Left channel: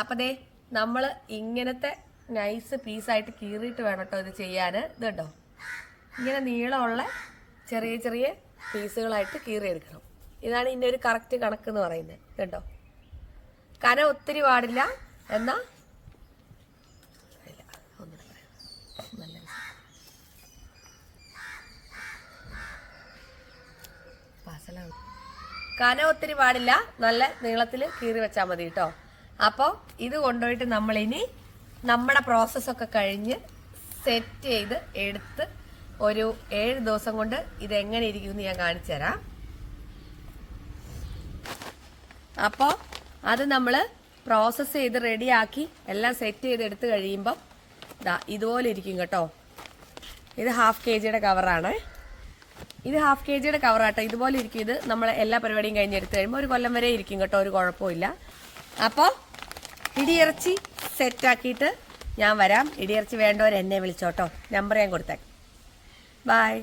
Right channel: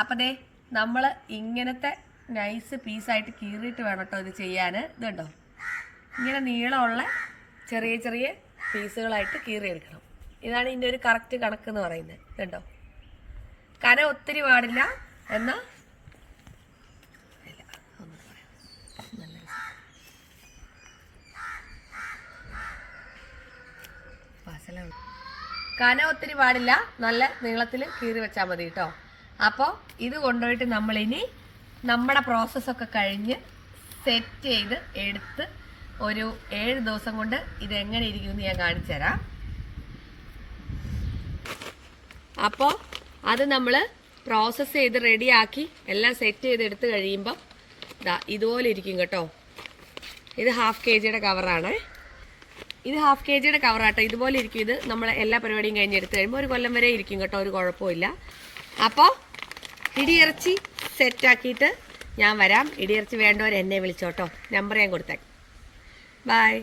അപ്പം ദേ നമ്മൾ ഇങ്ങനത്തെ നൈസ് പീസായിട്ട് കീറിയിട്ട് വേണം കേട്ടോ ഇത് ചെയ്യാൻ. ഇതുണ്ടോ, ഇങ്ങനെ നീളമുള്ള ചെറിയ ചെറിയ പീസുകളായിട്ട് കീറിയെടുക്കണം. ഇതാണ് ഇതിൻ്റെ ഒരു കറക്റ്റ് കണക്കെന്ന് പറയുന്നത്. ഇതുണ്ടോ, കനം ഒത്തിരി പാടില്ല എന്നാൽ കനം ഒത്തിരി പാടില്ല, നല്ല നീളത്തിൽ കീറി വെച്ചാൽ മതി കേട്ടോ. അപ്പോൾ ഇത് കൊണ്ടുപോയിട്ട് നമ്മളിനി നമ്മുടെ പ്രോസസ്സൊക്കെ കഴിഞ്ഞ് സെറ്റ് ചെയ്ത് എടുത്ത് ഒരു 7 ദിവസം കൊണ്ട് ഇതെങ്ങനെ ഇരിക്കുമെന്ന് ഞാൻ കാണിച്ചു തരാം. അപ്പോൾ അത് നമ്മൾ പ്രോസസ്സ് ചെയ്ത് റെഡിയാക്കി എല്ലാം സെറ്റ് ചെയ്ത് എടുത്ത് കഴിയുമ്പം ഇതുപോലെ ഇരിക്കും കേട്ടോ. ഇത് 1/2 kg കവറാണ്. ഇത് 1/2 kg കവറാട്ടോ. ഇതുപോലെ ഇരിക്കും. ഇത് നമ്മൾ എല്ലാ പരിപാടിയും കഴിഞ്ഞെടുത്ത് കഴിയുമ്പോൾ ഒരു കൊല്ലം വരെ ഇരിക്കും കേട്ടോ, ഒരു കുഴപ്പമില്ല. അപ്പോൾ ഇടിയിറച്ചി സെറ്റാക്കിയിട്ട് ഞാൻ വരാം. ഇടിയിറച്ചി വേണ്ടവർ എന്നെ വിളിച്ചോട്ടോ, നമ്പർ ഞാൻ കൊടുത്തേക്കാം. ബൈ.